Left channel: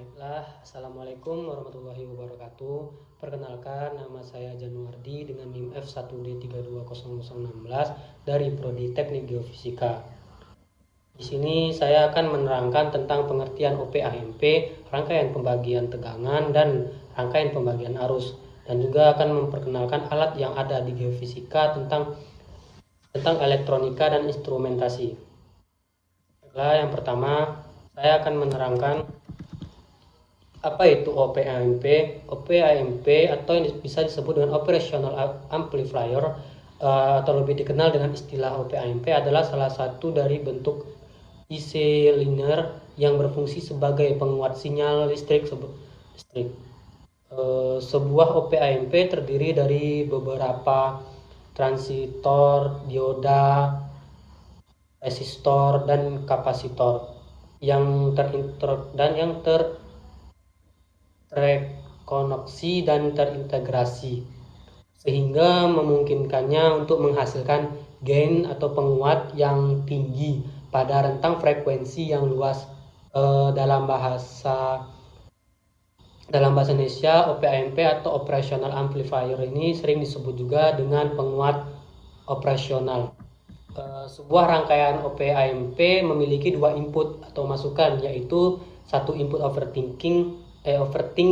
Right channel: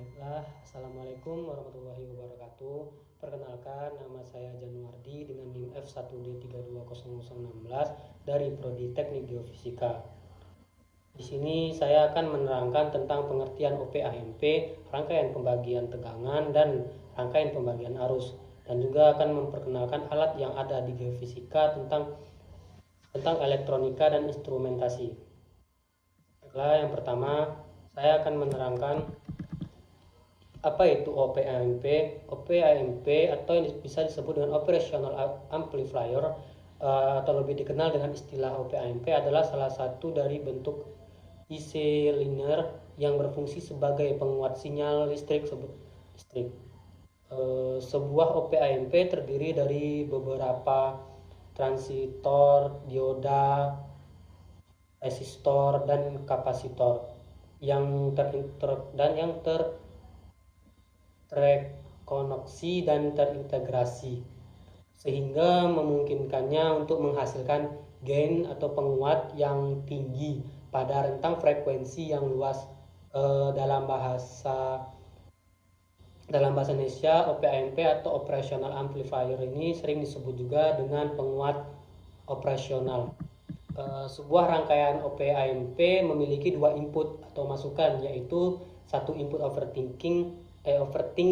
Baiklah, Assalamualaikum warahmatullahi wabarakatuh. Perkenalkan, nama saya Januardi dengan NIM F1D320016 dari Prodi Teknik Geofisika. Di sini saya akan menerangkan tentang pengertian OP-AMP, rangkaian pembagian tegangan, dan rangkaian pembagian arus. Dan juga akan memperkenalkan alat yang ada di geofisika tentang elektronika dan instrumentasi. Nah, yang pertama, saya akan menerangkan apa itu OP-AMP. OP-AMP atau yang bisa disebut dengan Operational Amplifier atau lebih dikenal dengan istilah OP-AMP adalah salah satu dari bentuk IC linear yang berfungsi sebagai penguat sinyal listrik. Sebuah OP-AMP terdiri dari beberapa transistor, dioda, resistor, dan kapasitor yang terkoneksi dan terintegrasi, sehingga memungkinkannya untuk menghasilkan gain atau penguat yang tinggi pada rentang frekuensi yang luas. Dalam bahasa Indonesia, OP-AMP atau Operational Amplifier ini sering disebut juga dengan penguat operasional. Sebuah rangkaian OP-AMP memiliki dua input atau masukan, yaitu satu input overting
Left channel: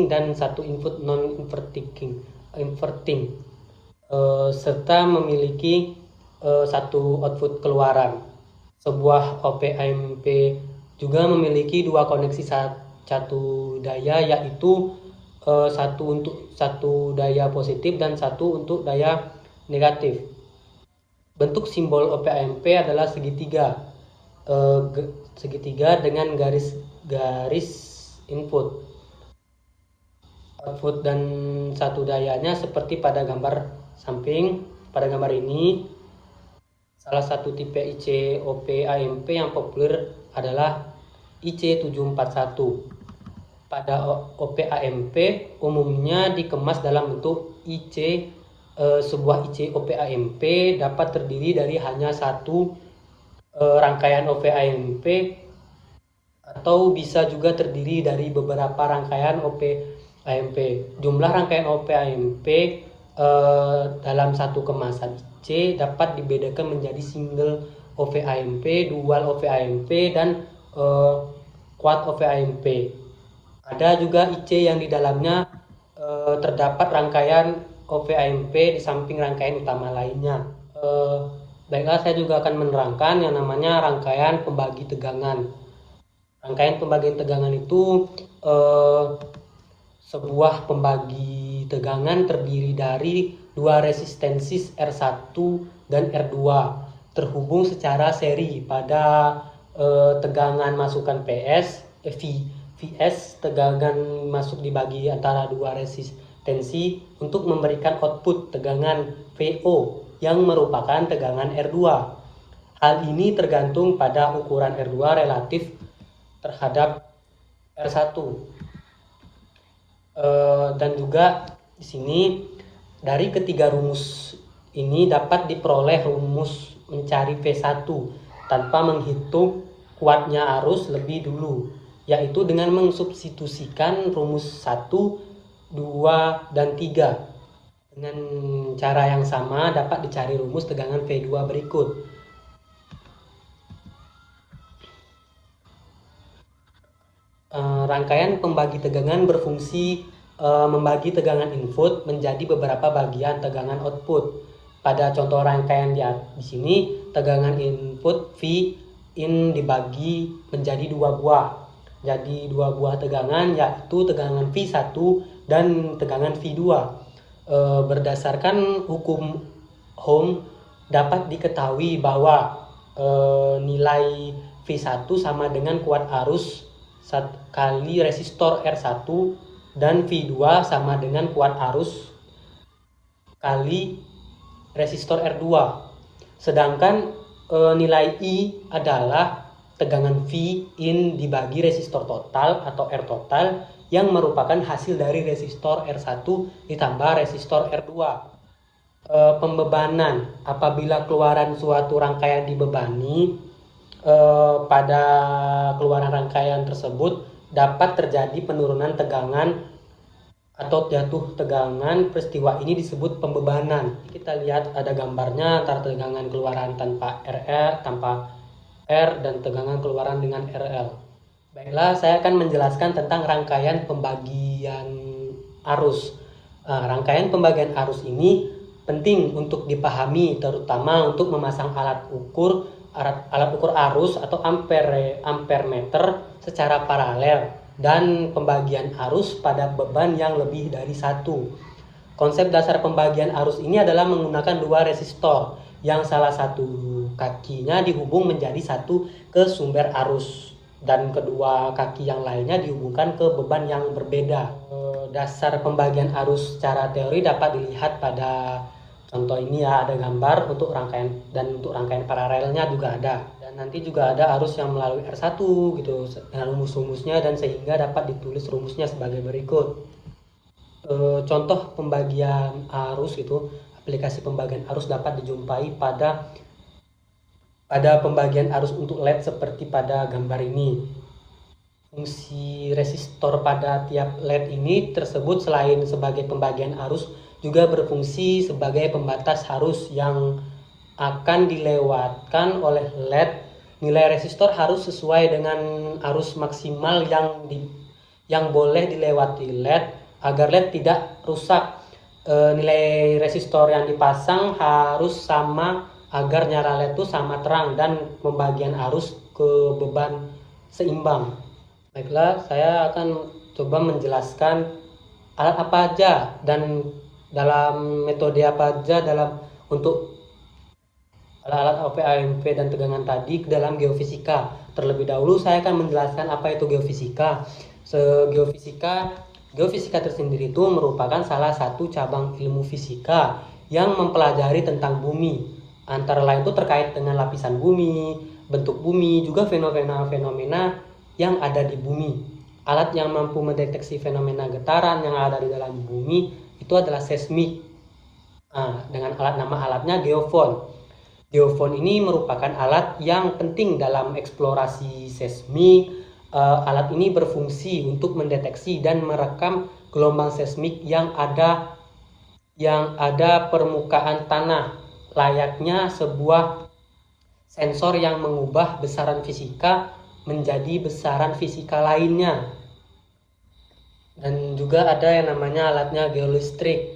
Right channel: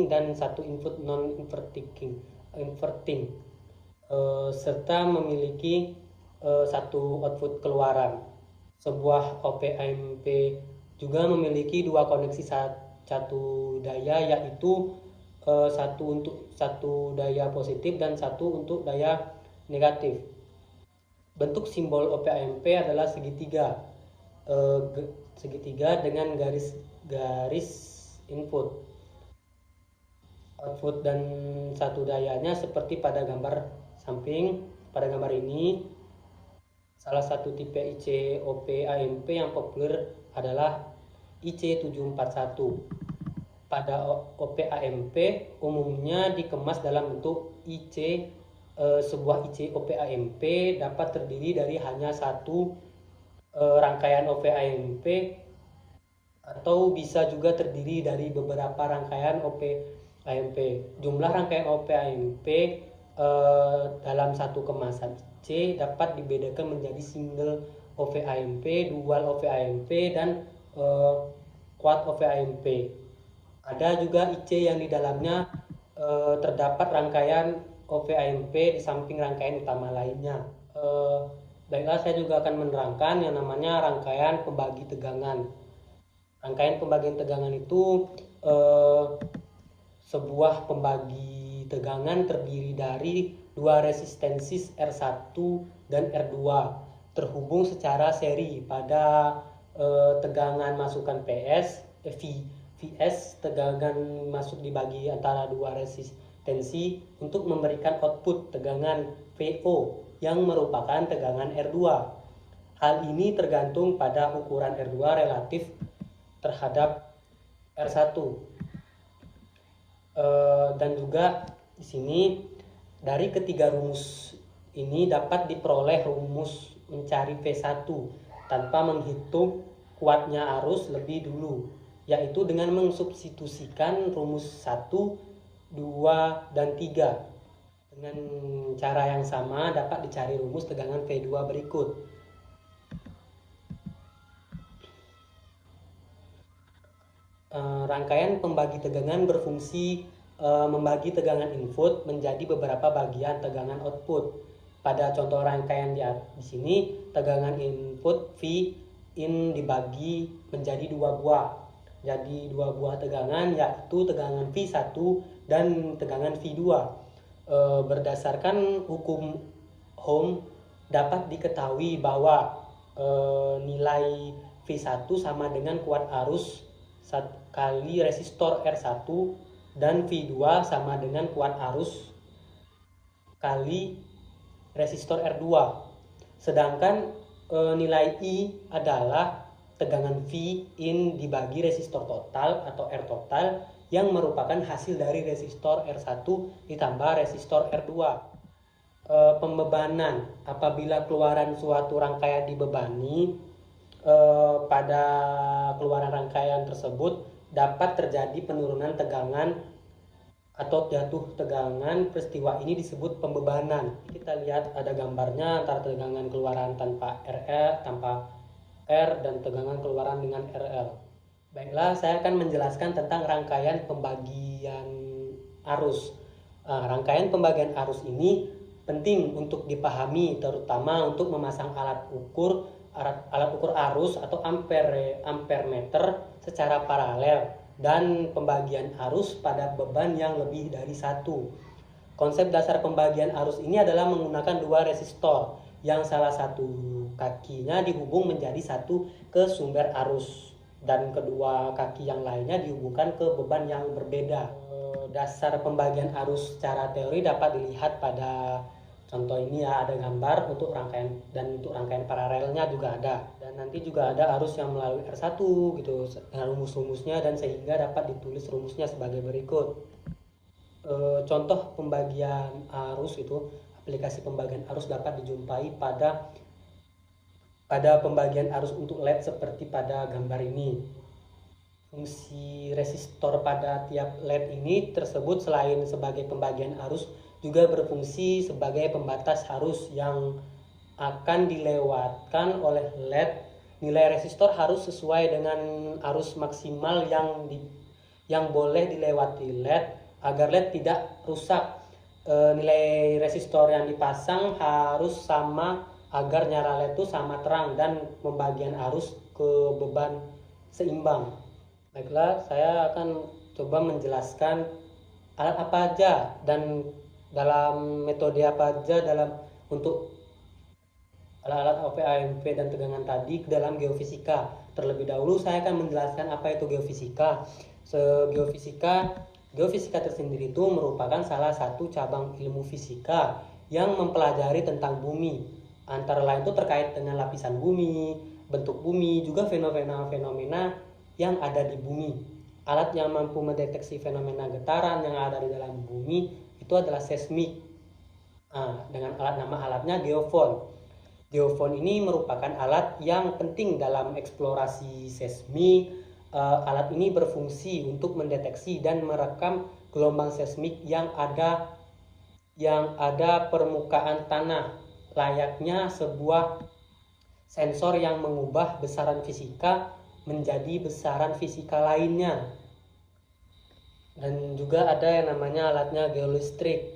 dan satu input non-inverting, serta memiliki satu output keluaran. Sebuah OP-AMP juga memiliki dua koneksi satu daya, yaitu satu untuk satu daya positif dan satu untuk daya negatif. Bentuk simbol OP-AMP adalah segitiga dengan garis input, output, dan satu dayanya seperti pada gambar samping. Pada gambar ini, salah satu tipe IC OP-AMP yang populer adalah IC741. Pada OP-AMP umumnya dikemas dalam bentuk IC. Sebuah IC OP-AMP dapat terdiri dari hanya satu rangkaian OP-AMP atau bisa juga terdiri dari beberapa rangkaian OP-AMP. Jumlah rangkaian OP-AMP dalam satu kemasan IC dapat dibedakan menjadi single OP-AMP, dual OP-AMP, dan quad OP-AMP. Ada juga IC yang di dalamnya terdapat rangkaian OP-AMP di samping rangkaian utama lainnya. Baiklah, saya juga akan menerangkan yang namanya rangkaian pembagi tegangan. Rangkaian pembagian tegangan itu sebuah pembagi tegangan terdiri dari dua resistensi R1 dan R2 terhubung secara seri pada tegangan masukan Vs. Tegangan masuk dibagi antara dua resistensi untuk memberikan output tegangan Vo yang merupakan tegangan R2. Hal ini tergantung pada ukuran R2 relatif terhadap R1. Dan juga di sini dari ketiga rumus ini dapat diperoleh rumus mencari V1 tanpa menghitung kuatnya arus lebih dulu, yaitu dengan mensubstitusikan rumus 1, 2, dan 3. Dengan cara yang sama dapat dicari rumus tegangan V2 berikut. Rangkaian pembagi tegangan berfungsi membagi tegangan input menjadi beberapa bagian tegangan output. Pada contoh rangkaian di sini, tegangan input V in dibagi menjadi dua buah. Jadi dua buah tegangan, yaitu tegangan V1 dan tegangan V2. Berdasarkan hukum Ohm dapat diketahui bahwa nilai V1 sama dengan kuat arus kali resistor R1 dan V2 sama dengan kuat arus kali resistor R2. Sedangkan nilai I adalah tegangan V in dibagi resistor total atau R total yang merupakan hasil dari resistor R1 ditambah resistor R2. Pembebanan: apabila keluaran suatu rangkaian dibebani, pada keluaran rangkaian tersebut dapat terjadi penurunan tegangan atau jatuh tegangan. Peristiwa ini disebut pembebanan. Kita lihat ada gambarnya antara tegangan keluaran tanpa R dan tegangan keluaran dengan RL. Baiklah, saya akan menjelaskan tentang rangkaian pembagian arus. Rangkaian pembagian arus ini penting untuk dipahami, terutama untuk memasang alat ukur arus atau ampermeter secara paralel dan pembagian arus pada beban yang lebih dari satu. Konsep dasar pembagian arus ini adalah menggunakan dua resistor yang salah satu kakinya dihubung menjadi satu ke sumber arus dan kedua kaki yang lainnya dihubungkan ke beban yang berbeda. Dasar pembagian arus secara teori dapat dilihat pada contoh ini ya, ada gambar untuk rangkaian, dan untuk rangkaian paralelnya juga ada. Dan nanti juga ada arus yang melalui R1 gitu dengan rumus-rumusnya, dan sehingga dapat ditulis rumusnya sebagai berikut. Contoh pembagian arus itu, aplikasi pembagian arus dapat dijumpai pada pembagian arus untuk LED seperti pada gambar ini. Fungsi resistor pada tiap LED ini tersebut selain sebagai pembagian arus juga berfungsi sebagai pembatas arus yang akan dilewatkan oleh LED. Nilai resistor harus sesuai dengan arus maksimal yang boleh dilewati LED agar LED tidak rusak. Nilai resistor yang dipasang harus sama agar nyala LED itu sama terang dan pembagian arus ke beban seimbang. Baiklah, saya akan coba menjelaskan alat apa aja dan dalam metode apa aja untuk alat-alat OP, AMP, dan tegangan tadi ke dalam geofisika. Terlebih dahulu saya akan menjelaskan apa itu geofisika. Geofisika tersendiri itu merupakan salah satu cabang ilmu fisika yang mempelajari tentang bumi. Antara lain itu terkait dengan lapisan bumi, bentuk bumi, juga fenomena-fenomena yang ada di bumi. Alat yang mampu mendeteksi fenomena getaran yang ada di dalam bumi itu adalah seismik. Dengan nama alatnya geofon. Geofon ini merupakan alat yang penting dalam eksplorasi seismik. Alat ini berfungsi untuk mendeteksi dan merekam gelombang seismik yang ada permukaan tanah, layaknya sebuah sensor yang mengubah besaran fisika menjadi besaran fisika lainnya. Dan juga ada yang namanya alatnya geolistrik.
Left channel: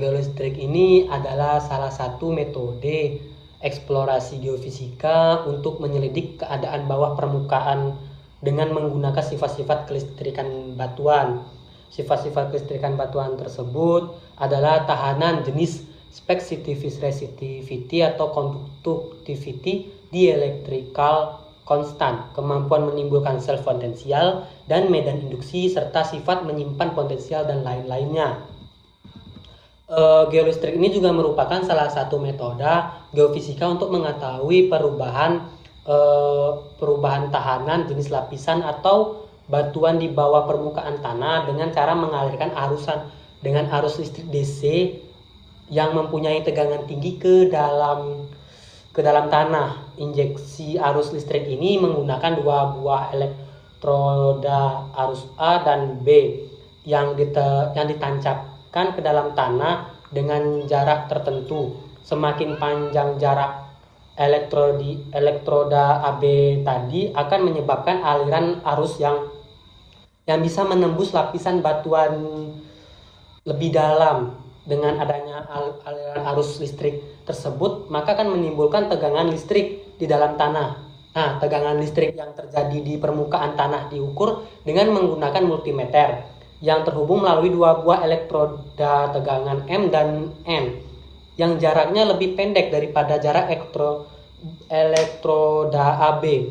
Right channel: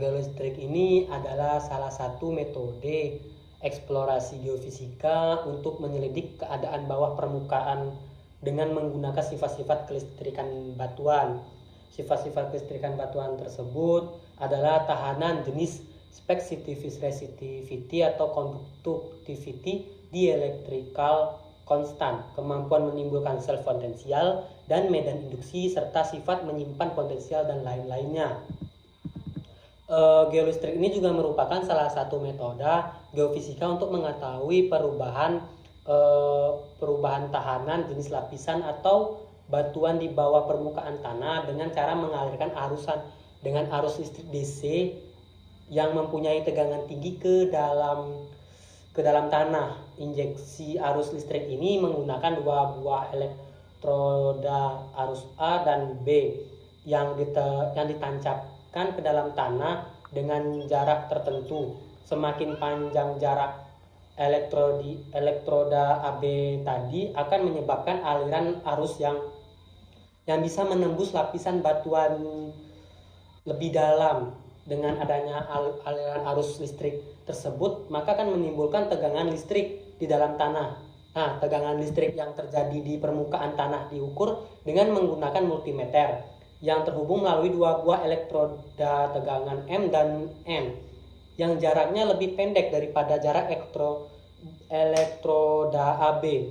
Geolistrik ini adalah salah satu metode eksplorasi geofisika untuk menyelidik keadaan bawah permukaan dengan menggunakan sifat-sifat kelistrikan batuan. Sifat-sifat kelistrikan batuan tersebut adalah tahanan, jenis, resistivity atau conductivity, dielectrical konstan, kemampuan menimbulkan self potensial dan medan induksi, serta sifat menyimpan potensial dan lain-lainnya. Geolistrik ini juga merupakan salah satu metode geofisika untuk mengetahui perubahan tahanan, jenis lapisan atau batuan di bawah permukaan tanah dengan cara mengalirkan arus listrik DC yang mempunyai tegangan tinggi ke dalam tanah. Injeksi arus listrik ini menggunakan dua buah elektroda arus A dan B yang ditancapkan ke dalam tanah dengan jarak tertentu. Semakin panjang jarak elektroda AB tadi akan menyebabkan aliran arus yang bisa menembus lapisan batuan lebih dalam. Dengan adanya aliran arus listrik tersebut, maka akan menimbulkan tegangan listrik di dalam tanah. Nah, tegangan listrik yang terjadi di permukaan tanah diukur dengan menggunakan multimeter yang terhubung melalui dua buah elektroda tegangan M dan N yang jaraknya lebih pendek daripada jarak elektroda AB.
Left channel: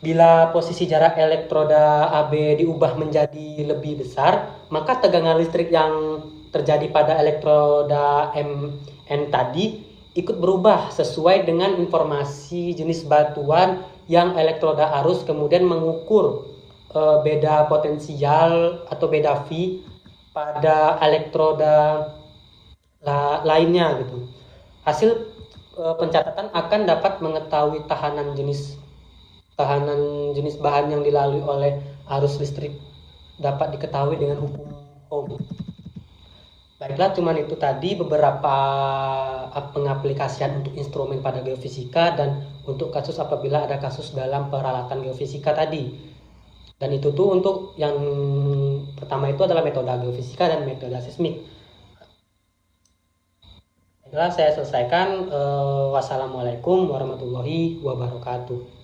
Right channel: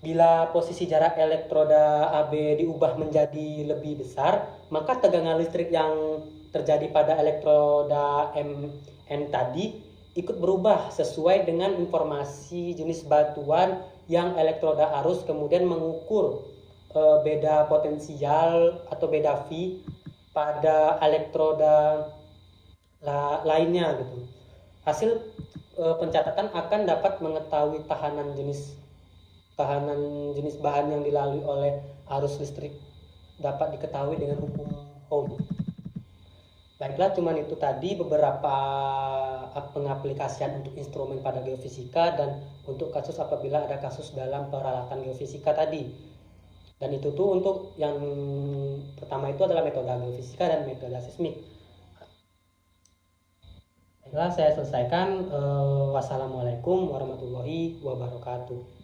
Bila posisi jarak elektroda AB diubah menjadi lebih besar, maka tegangan listrik yang terjadi pada elektroda MN tadi ikut berubah sesuai dengan informasi jenis batuan yang elektroda arus kemudian mengukur beda potensial atau beda V pada elektroda lainnya gitu. Hasil pencatatan akan dapat mengetahui tahanan jenis bahan yang dilalui oleh arus listrik dapat diketahui dengan hukum Ohm. Baiklah, cuman itu tadi beberapa pengaplikasian untuk instrumen pada geofisika dan untuk kasus apabila ada kasus dalam peralatan geofisika tadi. Dan itu tuh untuk yang pertama itu adalah metode geofisika dan metode seismik. Baiklah, saya selesaikan. Wassalamualaikum warahmatullahi wabarakatuh.